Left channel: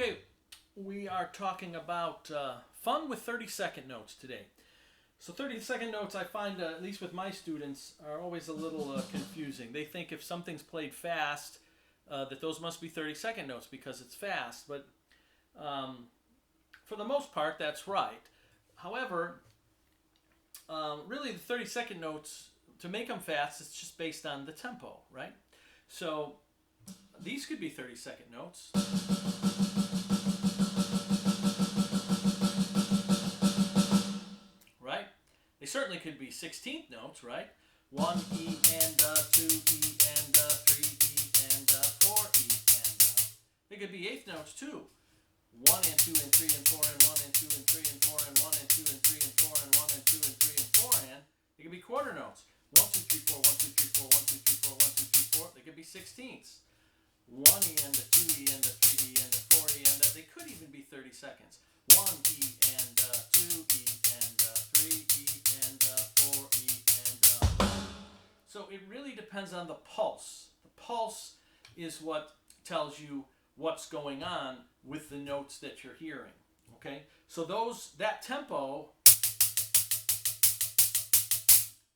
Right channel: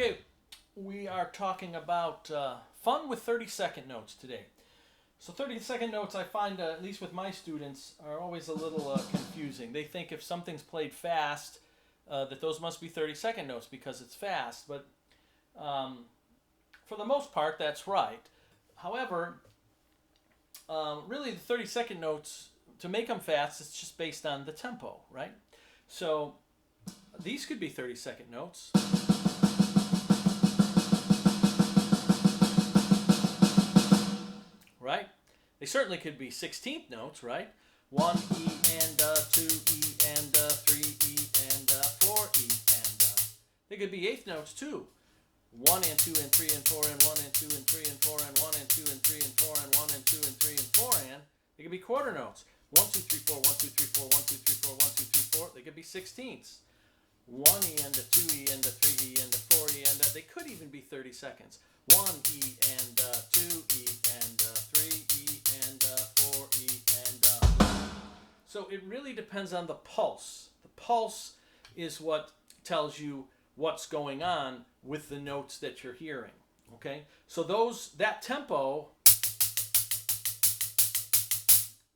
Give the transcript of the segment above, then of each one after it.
Okay, we are talking about fun with 30-second notes today. So 30-second notes, I find, at least with my students, are always a little confusing. They think if something's played fast, that those must be 30-second notes because it's fast. But for the most part, that's right. However, really the 30-second notes, to make them fast, it's just based on the tempo, right? So these could be 30-second notes. Right? They certainly could be 16th notes, right? 1 E and 2 E and 3 E and 4 E and they could be 8th notes too. 1 and 2 and 3 and 4 and 1 and 2 and 3 and 4 and 1 and 2 and 3 and 4 and 1 and 2 and 3 and 4 and they could be quarter notes. 1 2 3 4 1 2 3 4 1 2 3 4 1 2 3 4. They could be 16ths. 1 E and 2 E and 3 E and 4 E and they could even be 30 seconds. 1 E and 2 E and 3 E and 4 E and so it really depends on the pulse. The pulse is what tells you what's going on with the notes that you're hearing. Okay, so that tempo,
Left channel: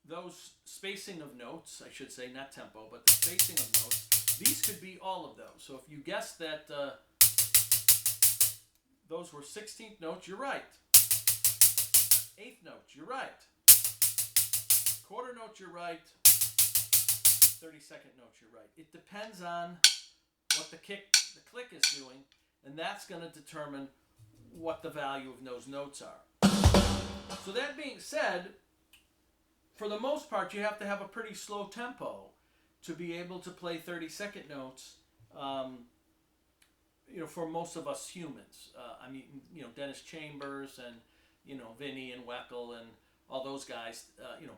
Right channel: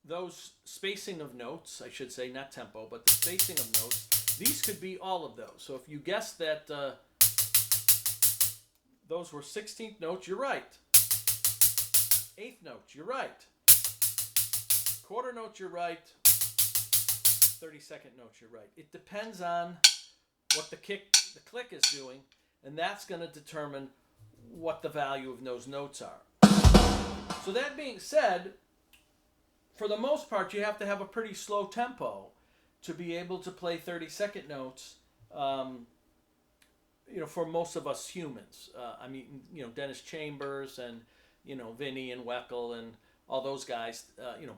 those spacing of notes, I should say, not tempo, but the spacing of notes. These could be all of those. So if you guessed that those were 16th notes, you're right. 8th notes, you're right. Quarter notes, you're right. 30-second notes, you're right. It depends on what the click is doing, and that's going to determine what the value of those notes are. So that being said, for the most part, you have to have a pretty slow tempo to be able to play 30-second notes, for most of us humans. Dennis Chambers and, Vinny and Weckl and all those guys,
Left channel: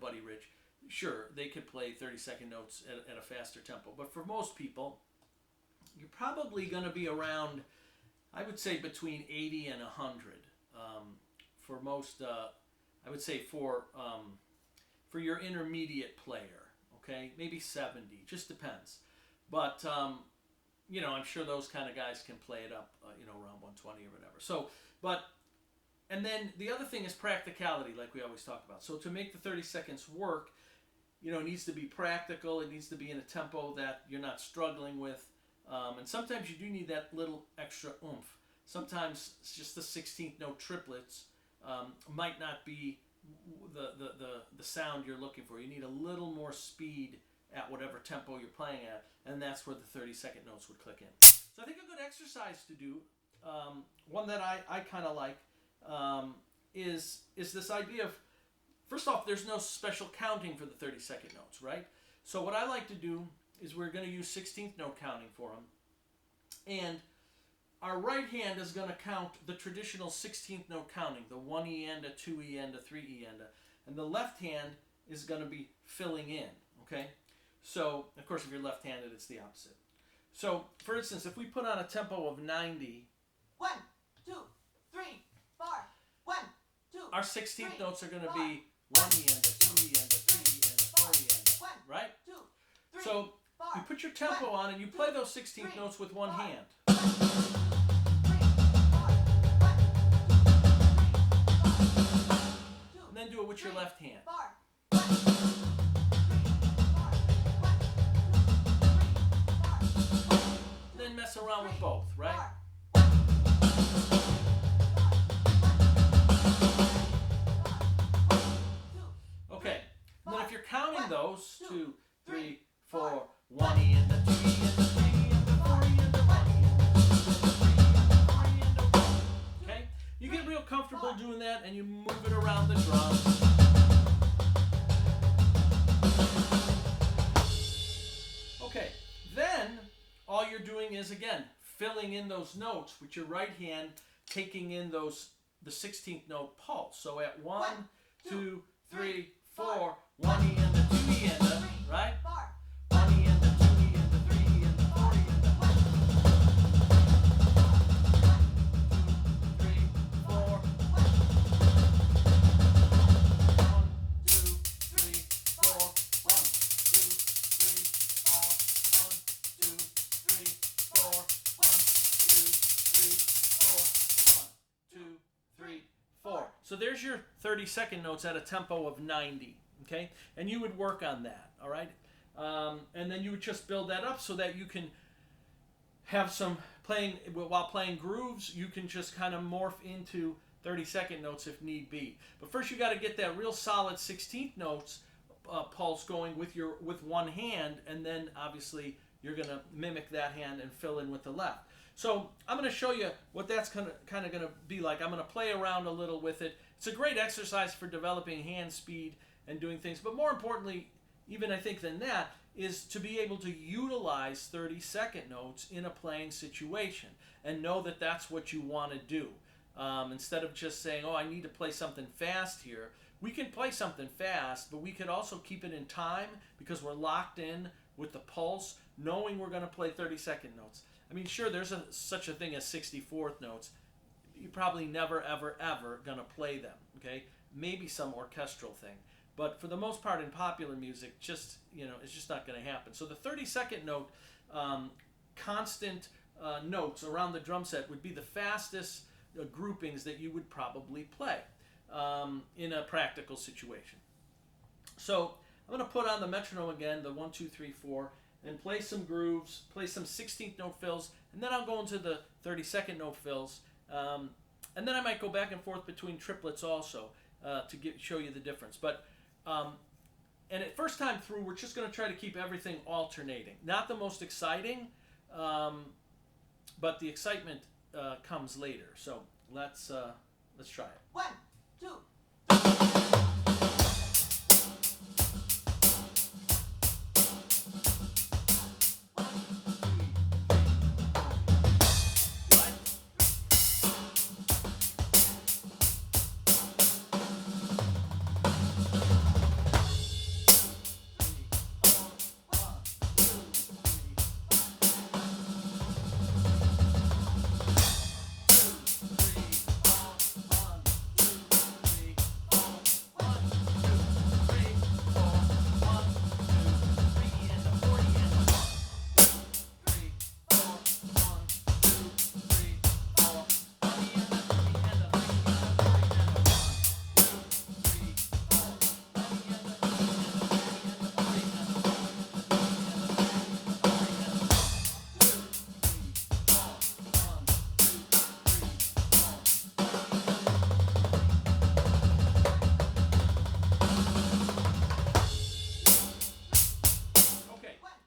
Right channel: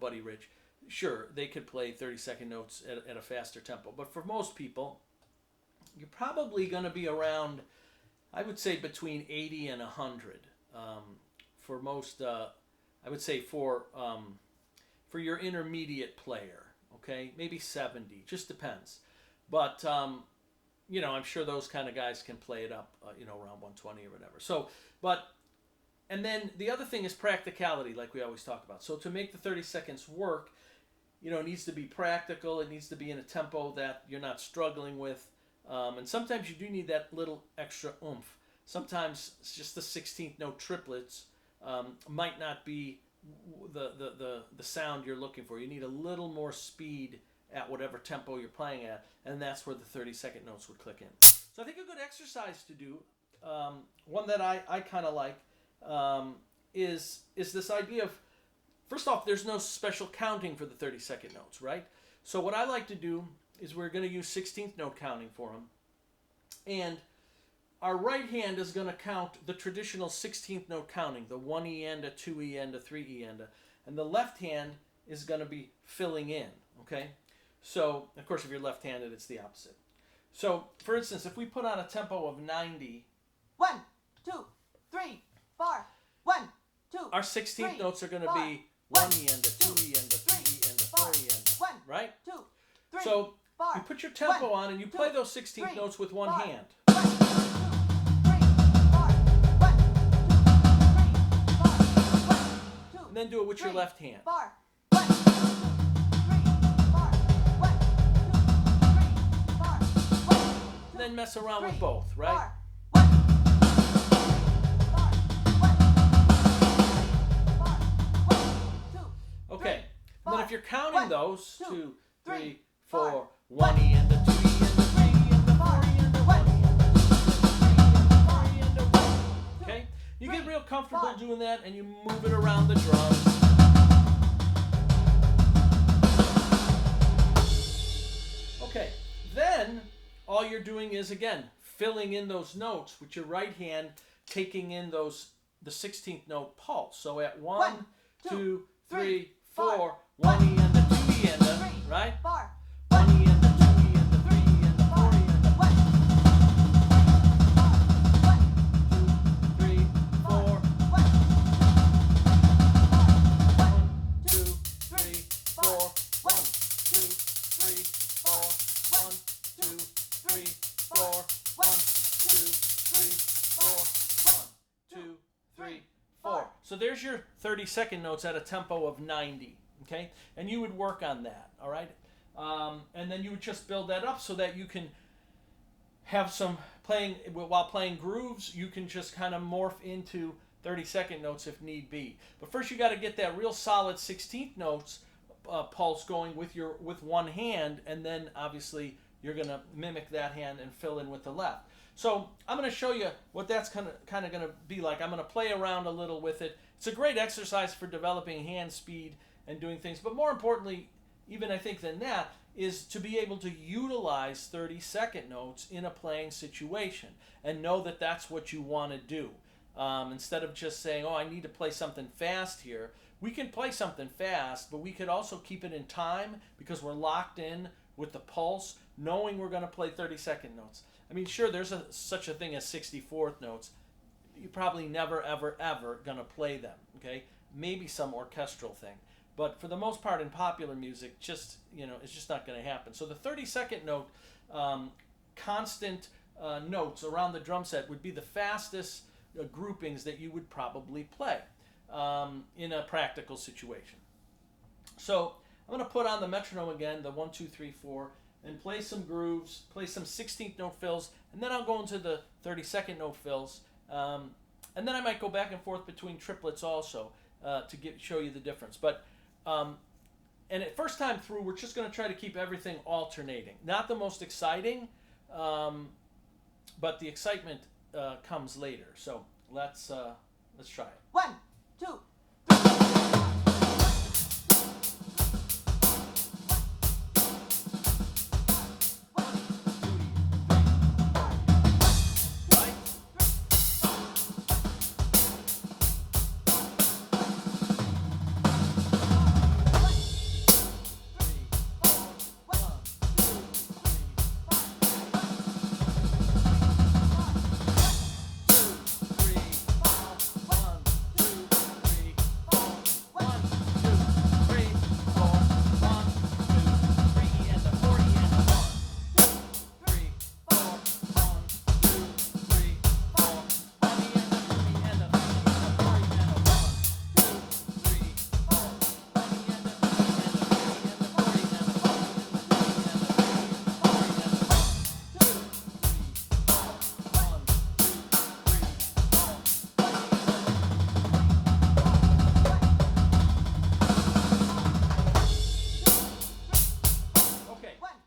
Buddy Rich, sure, they could play 30-second notes at a faster tempo. But for most people, you're probably going to be around, I would say, between 80 and 100. For most, I would say for your intermediate player. Okay, maybe 70, just depends. But, I'm sure those kind of guys can play it up, around 120 or whatever. So, and then the other thing is practicality, like we always talk about. So to make the 30 seconds work, it needs to be practical. It needs to be in a tempo that you're not struggling with. And sometimes you do need that little extra oomph. Sometimes it's just the 16th note triplets might not be the sound you're looking for. You need a little more speed at whatever tempo you're playing at, and that's where the 30-second notes would click in. So I think a good exercise to do, one that I kind of like, is this idea of, first off, there's no special counting for the 30-second notes, right? So what I like to do is we're going to use 16th note counting for them, and our right hand is going to count the traditional 16th note counting, the 1 E and a 2 E and a 3 E and the left hand is going to be filling in, okay? So, of course, if you're left-handed, it's the opposite. So, for instance, if we put on a tempo of 90, 1 2 3 4 1 2 our 16th three, notes are going to four, be 1 E and a 2 E and a 3 E and a 4 E and a, right? 2 3 So, 4 you put your tempo one, on and you play two, those 16th three, notes with one four, hand. 1 2 3 4 1 2 3 4 1 2 And then do it with your left hand. 4 1 2 3 4 1 2 3 4 1 And then mess around with both, right? 4 Okay. And then if you're counting one, those, two, 2 3 three, 4 four, 1 E and a 2 E and a 3 E and a 4 E and a 1 E and a 2 E and a 3 E and a 4 E and a 1. Okay? You get real comfortable doing that and you move it around the drums. Okay. Then all you're doing is, again, filling in those notes with your right hand, taking in the 16th note pulse. So at 1 2 3 4 1 E and a 2 E and a, right? 1 E and a 2 E and a 3 E and a 4 E and a 2 3 4 1 2 3 4 1 2 3 4 1 2 3 4 1 2 3 So there's your 30-second notes at a tempo of 90, okay? And you would work on that, all right? And then you would just build that up so that you can have some playing, while playing grooves, you can just kind of morph into 30-second notes if need be. But first you got to get that real solid 16th notes pulse going with one hand, and then obviously you're going to mimic that hand and fill in with the left. So I'm going to show you what that's kind of going to be like. I'm going to play around a little with it. It's a great exercise for developing hand speed and doing things, but more importantly, even I think than that, is to be able to utilize 30-second notes in a playing situation and know that that's what you want to do. Instead of just saying, oh, I need to play something fast here. We can play something fast, but we could also keep it in time because we're locked in with the pulse, knowing we're going to play 30-second notes. I mean, sure, there's such a thing as 64th notes. You're probably never, ever, ever going to play them, okay? Maybe some orchestral thing. But for the most part in popular music, it's just not going to happen. So the 30-second note, constant notes around the drum set would be the fastest groupings that you would probably play in a practical situation. So I'm going to put on the metronome again, the 1, 2, 3, 4, and play some grooves, play some 16th note fills, and then I'll go into the 30-second note fills. And then I might go back and forth between triplets also to show you the difference. But and at first time through, we're just going to try to keep everything alternating. Not the most exciting, but the excitement comes later. So let's try it. 1, 2,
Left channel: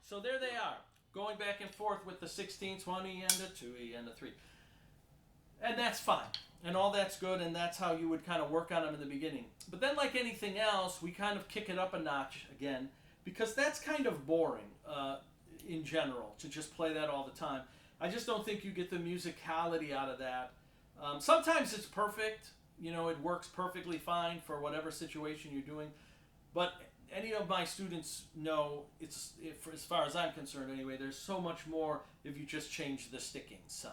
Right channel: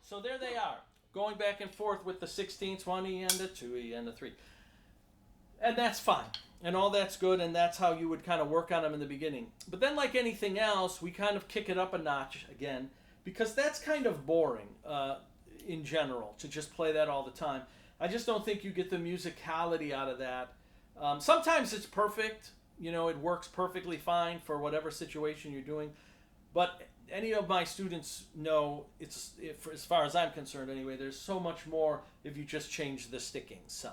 So there they are, going back and forth with the 16, 20, and the 2E and the 3. And that's fine. And all that's good, and that's how you would kind of work on them in the beginning. But then like anything else, we kind of kick it up a notch again, because that's kind of boring in general, to just play that all the time. I just don't think you get the musicality out of that. Sometimes it's perfect. It works perfectly fine for whatever situation you're doing. But any of my students know, as far as I'm concerned anyway, there's so much more if you just change the stickings some.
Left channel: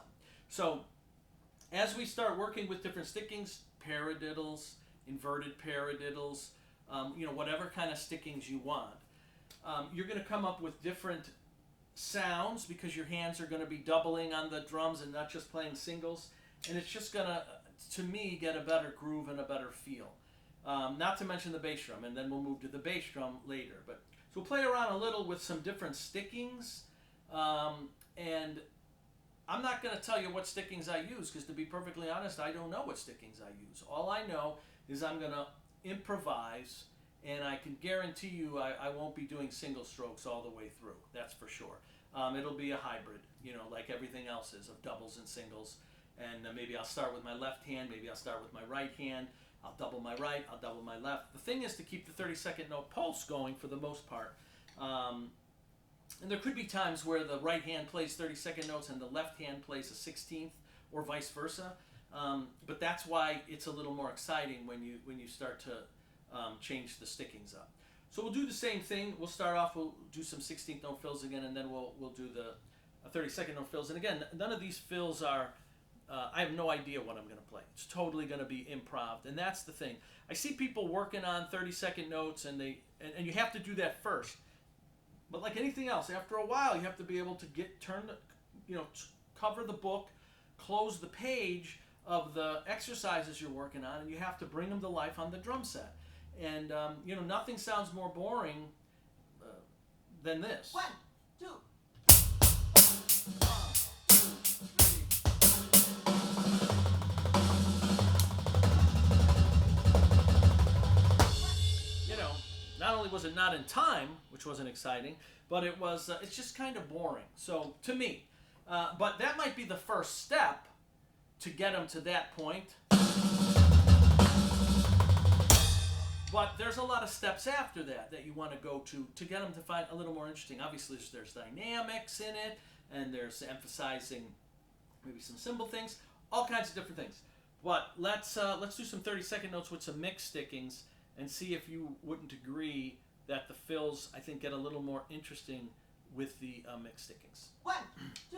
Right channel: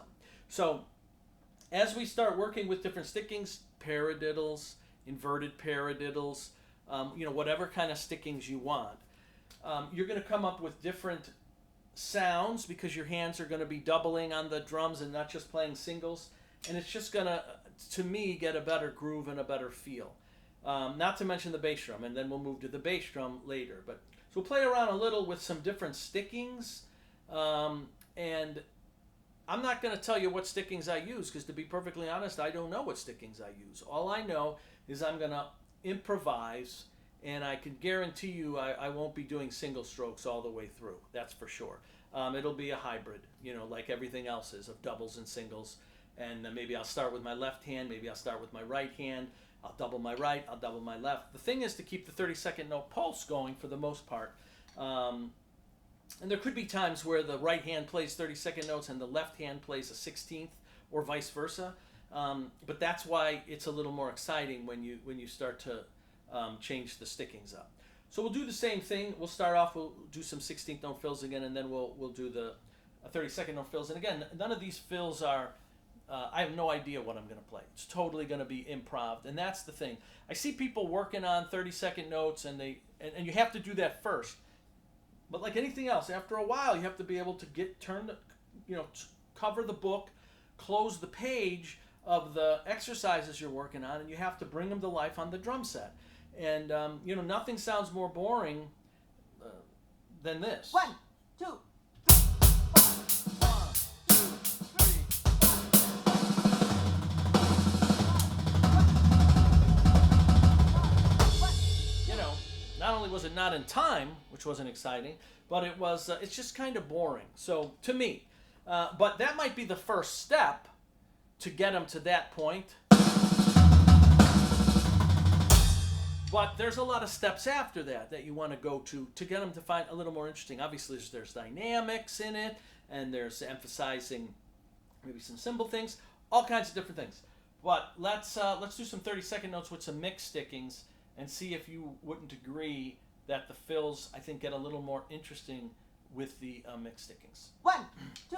So as we start working with different stickings, paradiddles, inverted paradiddles, whatever kind of stickings you want, you're going to come up with different sounds because your hands are going to be doubling on the drums and not just playing singles. And it's just going to me, get a better groove and a better feel. Not to mention the bass drum, and then we'll move to the bass drum later. So we'll play around a little with some different stickings, and I'm not going to tell you what stickings I use, because to be perfectly honest, I don't know what stickings I use. All I know is I'm going to improvise, and I can guarantee you I won't be doing single strokes all the way through. That's for sure. It'll be a hybrid, like everything else is, of doubles and singles. And maybe I'll start with my left hand, maybe I'll start with my right hand. I'll double my right, I'll double my left. The thing is to keep the 30-second note pulse going for the most part. And there could be times where the right hand plays 30-second notes and the left hand plays a 16th, or vice versa. But that's why it's a little more exciting when you start to change the stickings up. So we'll do the same thing. We'll start off, we'll do some 16th note fills again, and then we'll do the 30-second note fills. And again, none of these fills are... I have no idea what I'm going to play. It's totally going to be improv, and that's the thing. I see people working on 30-second notes, and you have to do that first. But like anything else, after a while, you have to be able to cover the book, close the page, of the exercises you're working on, and you have to bring them to life on the drum set. And nothing sounds more boring than this. 1, 2, 1, 2, 3. Not only was it not in time, which wasn't exciting, but it's just kind of boring. So to me, but that might be the first step to get them to that point. But there's a lot of steps after that you want to go to get them to find a little more interesting. Obviously, there's dynamics in it, and there's emphasizing maybe some cymbal things, all kinds of different things. But let's do some 30-second notes with some mix stickings and see if you wouldn't agree that the fills, I think, get a little more interesting with the mix stickings. 1, 2.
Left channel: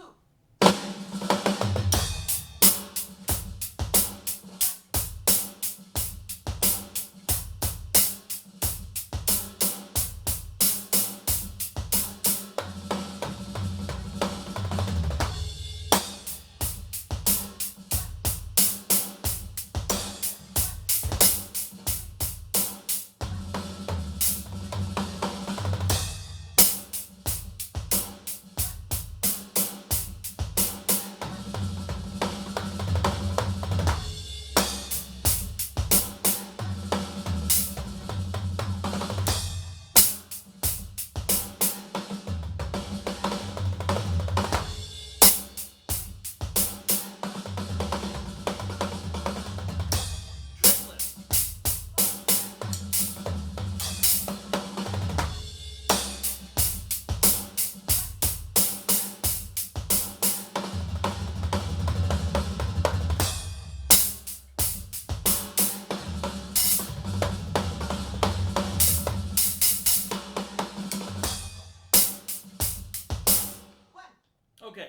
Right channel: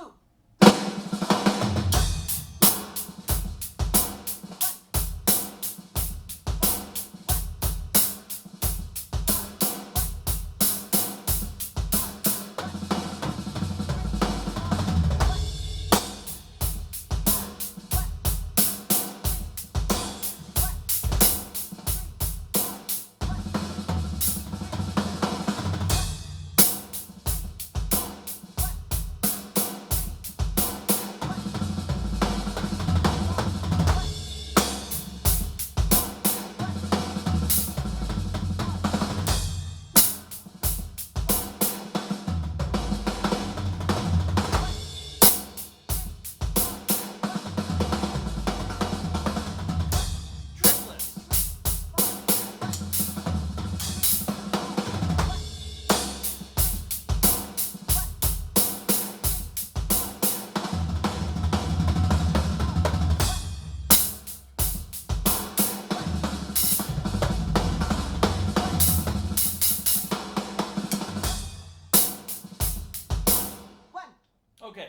Okay,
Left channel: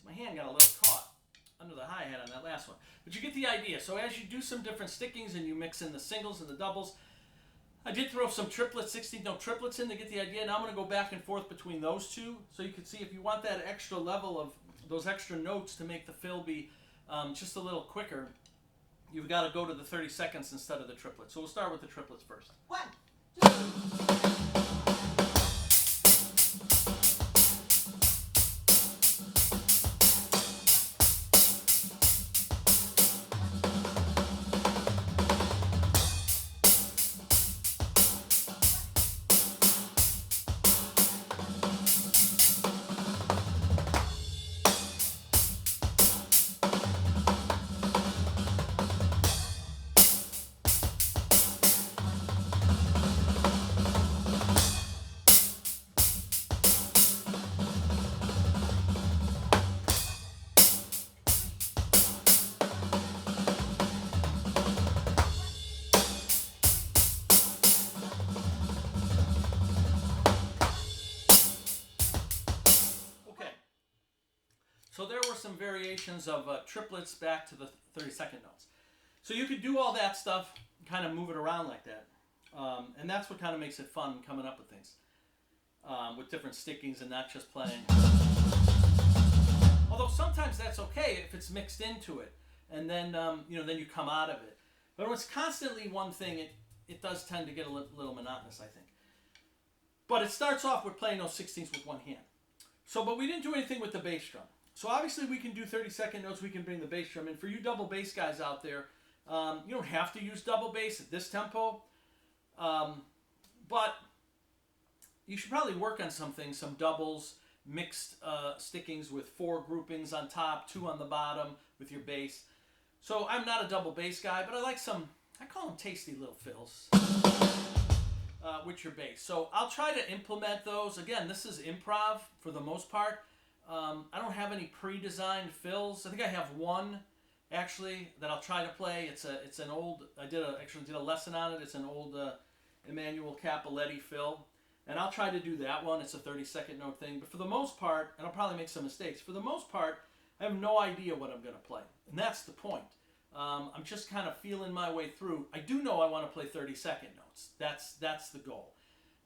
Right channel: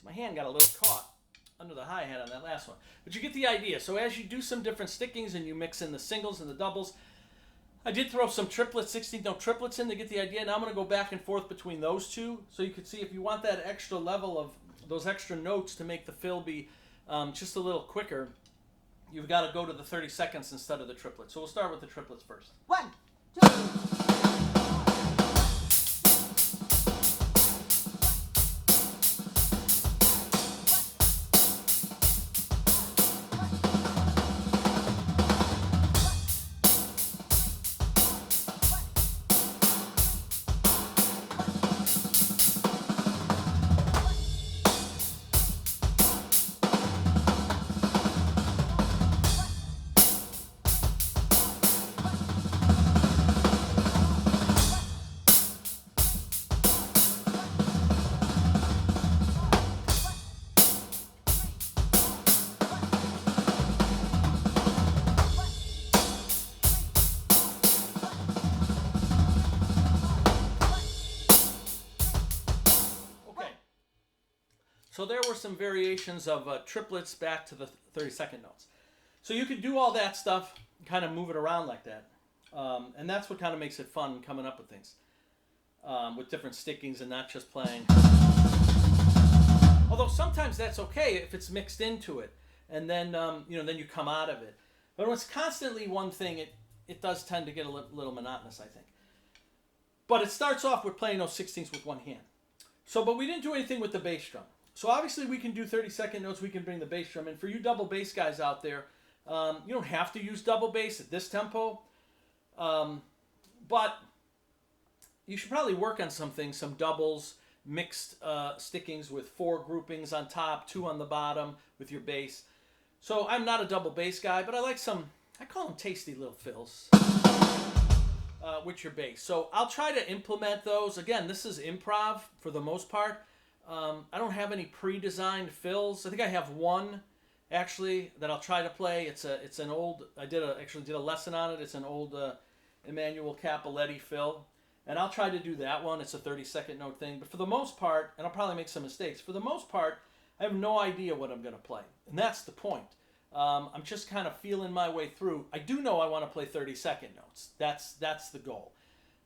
so my hand got a little caught under the hi-hat on that last one. But you get the idea. So as you do some different stickings and you mix in the singles and the doubles, I did throw some triplets, 16-note triplets in to get the idea. Now I'm going to go back and forth between those two so you can see if you want that extra level of those extra notes to make the fill be just a little quicker, you've got to go to the 30 seconds instead of the triplets. So we'll start with the triplets first. 1, 2. So there were some variations of triplets back to the 30-second notes. So you could do all that stuff, kind of move it around like that. And that's what kind of makes it fun, coming up with things. With different stickings and not just playing. Although sometimes that's okay if it's mixed into it. And then, then you come out of it. But when it's constantly one thing, it does tend to get a little monotonous, I think. But it starts off with playing those 16ths with one hand. But we didn't do anything with the bass drum. So obviously we can do 30-second notes. We can bring the bass drum in. For you double bass guys out there, you don't have to use double bass at this tempo. But you should probably work on some things, some doubles, mixed stickings with 4 groupings on top, 2 on the bottom with your bass. So I'm not a double bass guy, but I like I call them tasty little fills with your bass. So I'll try to implement those. Again, this is improv for the most part. I don't have any pre-designed fills. I think I have one actually that I'll try to play. It's an old. I actually did a lesson on it. It's an old Emmanuel Capoletti fill, and I'll try to do that one. It's a 30-second note thing. But for the most part, and I'll probably make some mistakes. For the most part, I have no idea what I'm going to play, and that's the point. I'm just kind of feeling my way through. I do know I want to play 30-second notes. That's the goal.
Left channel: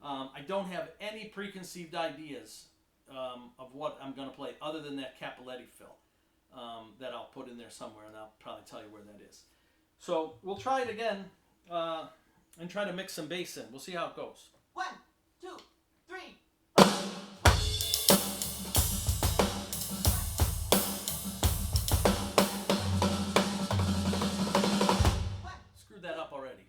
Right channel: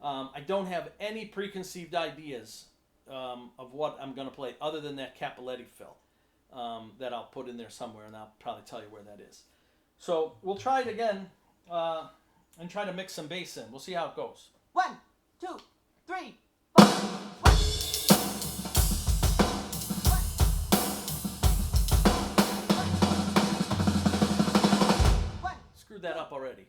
I don't have any preconceived ideas of what I'm going to play other than that Capoletti fill. that I'll put in there somewhere, and I'll probably tell you where that is. So we'll try it again and try to mix some bass in. We'll see how it goes. 1, 2, 3, 4. Screwed that up already.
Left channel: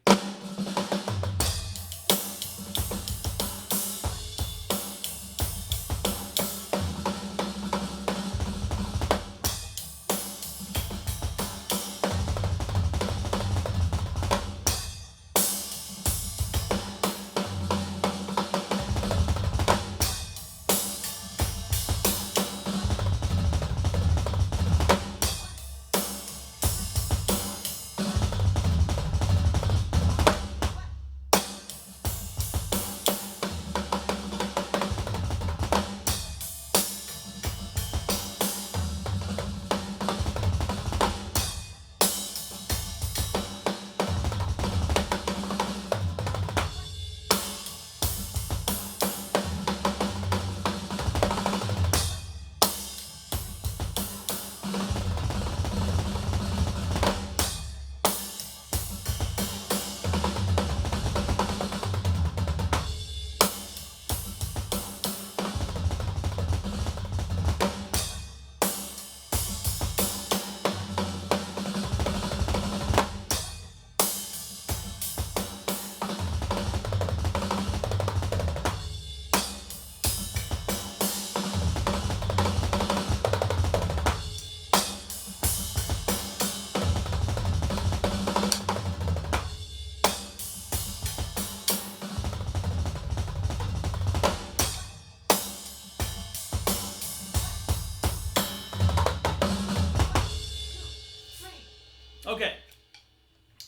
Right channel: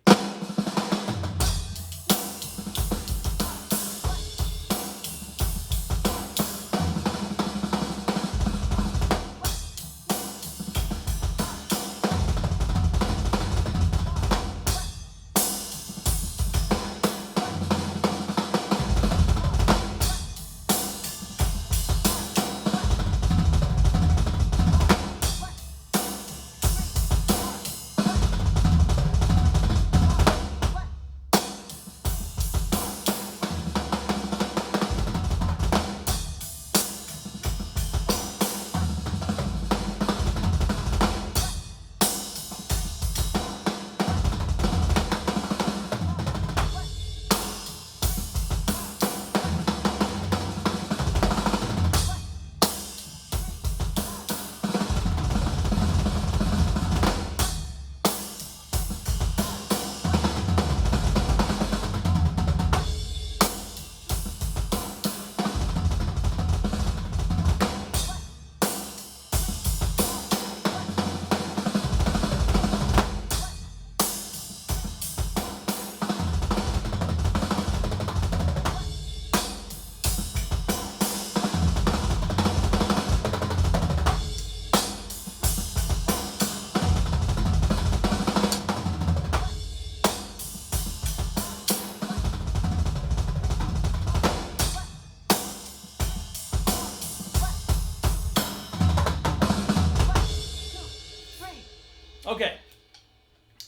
Okay,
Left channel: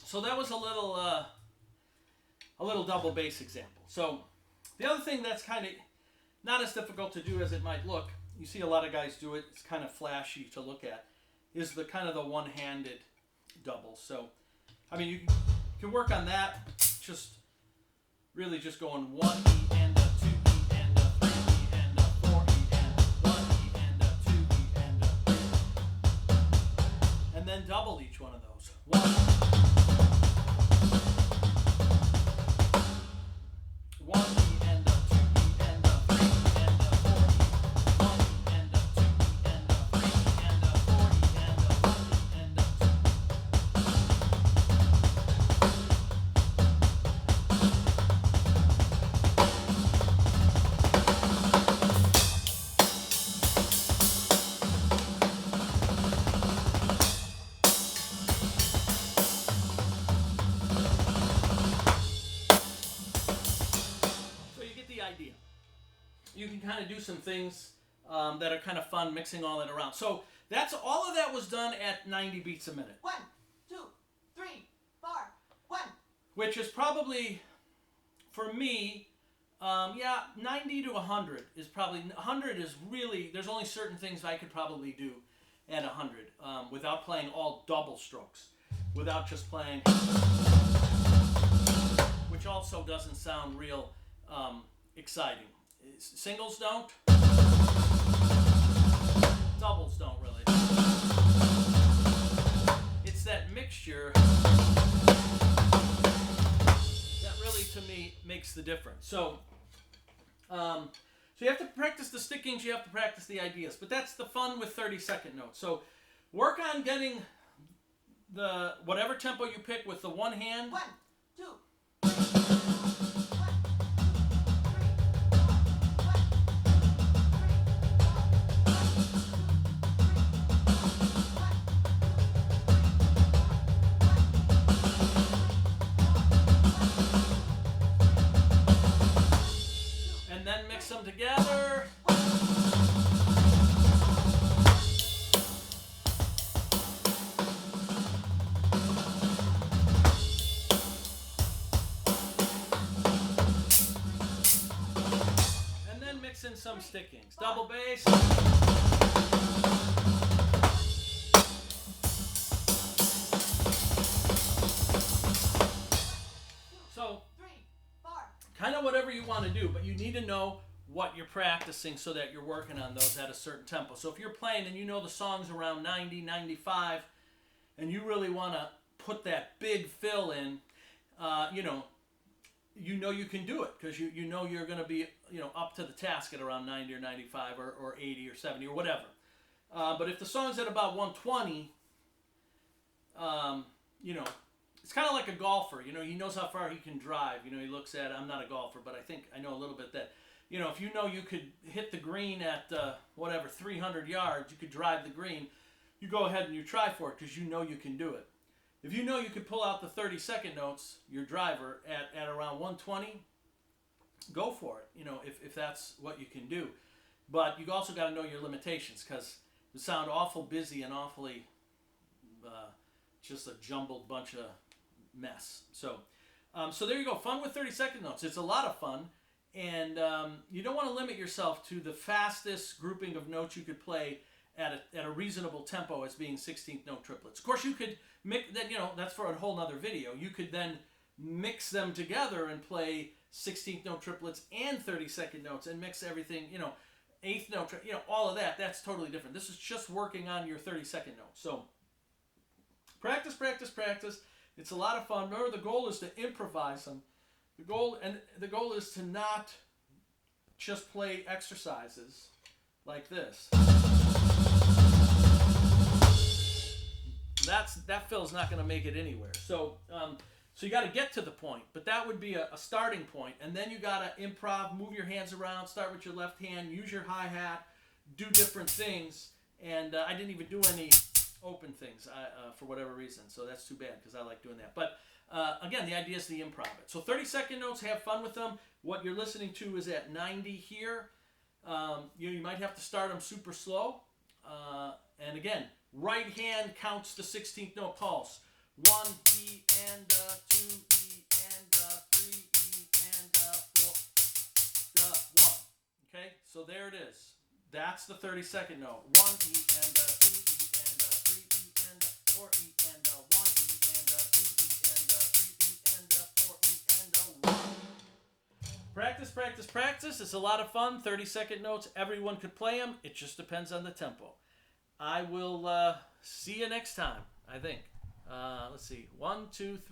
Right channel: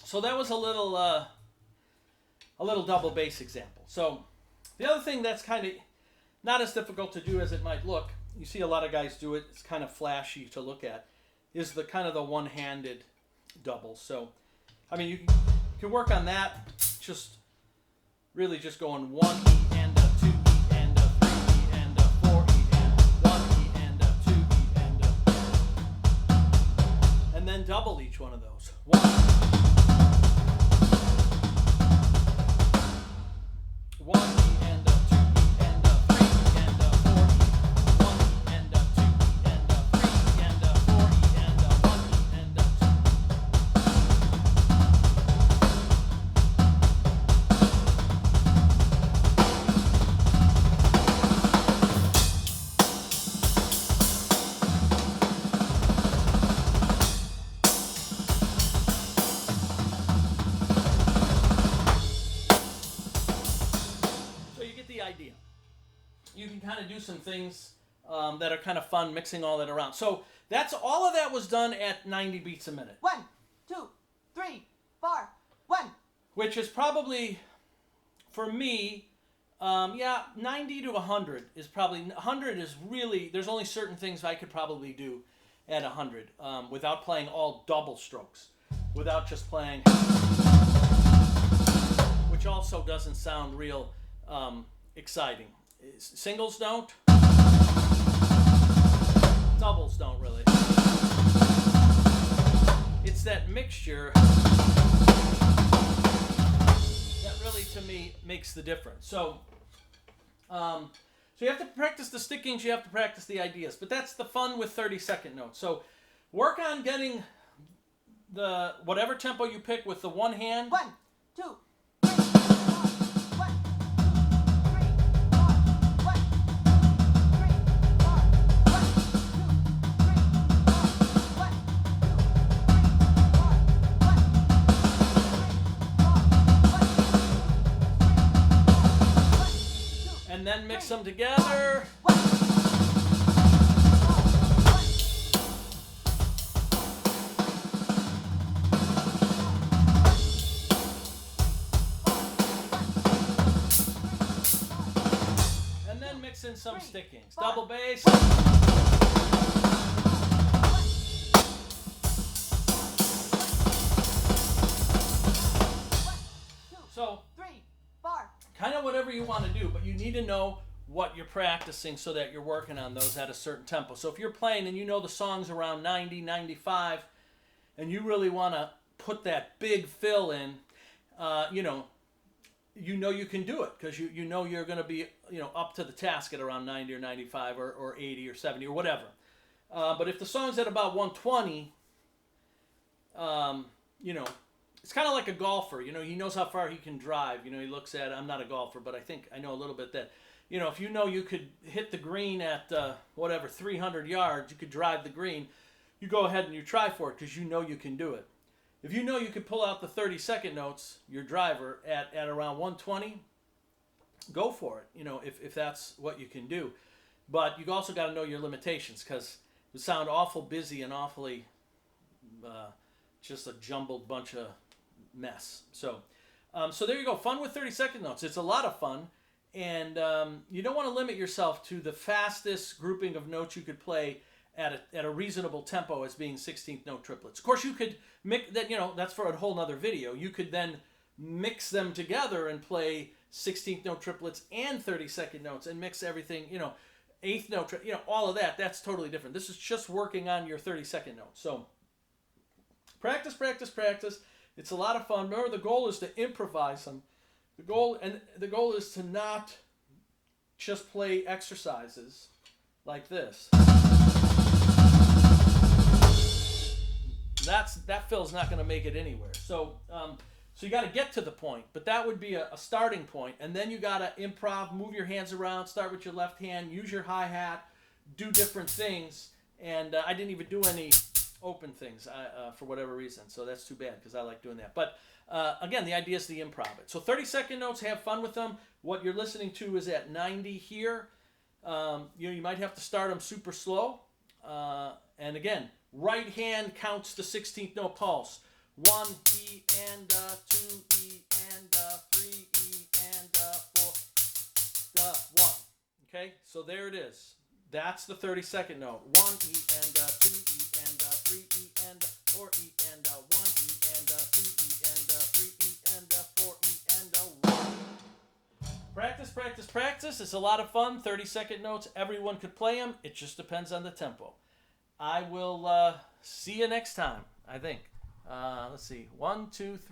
so that was a little double bass example. So the other thing that's kind of not as difficult to do as it might look, you see a lot of guys do it, it's kind of flashy to look at, is the kind of the one-handed double. So, I mean, you can work on that, just really just going 1 E and a 2 E and a 3 E and a 4 E and 1 E and a 2 E and then double each one of those. 1, 1 E and a 2 E and a 3 E and a 4 E, 1 E and a 2 E and a 3 E and a 4 E and a 1 E and a 2. Idea. You can kind of do some things that are kind of fun, mixing all that around. So that's all of that was done at 90 beats a minute. 1, 2, 3, 4, 1. Which is probably, for me, 90 to 100 is probably, 100 is really, there's only certain things I could probably do at 100 without playing all double strokes, without just playing, which also doesn't sound real exciting. Singles don't. Doubles don't really. It's that mixture that really, to me, makes the difference. So you have to practice the stickings, you have to practice the ideas, but that's the fun with 30-second notes. So work on getting the whatever tempo you pick with the one hand. 1, 2. And then mix them together. And then mix in some stickings. Double bass. So kind of whatever you want to do, but you need to know what you're practicing so that you're working on those at a certain tempo. So if you're playing and you know the song's around 90, 95, and you really want to put that big fill in, you know you can do it because you know you're going to be up to the task at around 90 or 95 or 80 or 70 or whatever. But if the song's at about 120, it's kind of like a golfer. He knows how far he can drive. He looks at, I'm not a golfer, but I know a little bit that, if you could hit the green at 300 yards, you could drive the green, you go ahead and you try for it because you can do it. If you could pull out the 30-second notes, your driver, at around 120, go for it, if that's what you can do. But you also got to know your limitations because it would sound awful busy and awfully just a jumbled bunch of mess. So there you go. Fun with 30-second notes. It's a lot of fun. And you don't want to limit yourself to the fastest grouping of notes you could play at a reasonable tempo as being 16th note triplets. Of course, you could mix that. That's for a whole nother video. You could then mix them together and play 16th note triplets and 30-second notes and mix everything. Eighth note, all of that. That's totally different. This is just working on your 30-second notes. So practice, practice, practice. It's a lot of fun. Remember, the goal is to improvise them. The goal is to not just play exercises like this. That fill's not going to make it anywhere. So you got to get to the point, but that would be a starting point, and then you got to improv, move your hands around, start with your left hand, use your hi-hat, do different things, and I didn't even do any open things for whatever reason, so that's too bad because I like doing that. But again, the idea is to improv it. So 30-second notes, have fun with them. What you're listening to is at 90 here. You might have to start them super slow, and again, right hand counts the 16th note pulse. 1 E and 2 E and 3 E and 4 1. Okay, so there it is. That's the 30-second note. 1 E and 2 E and 3 E and 4 E and 1 E and 2 E and 3 E and 4 E and 1. Practice, practice, practice. It's a lot of fun. 30-second notes. Everyone could play them. It just depends on the tempo. I will see you next time, I think. Let's see. 1, 2, 3.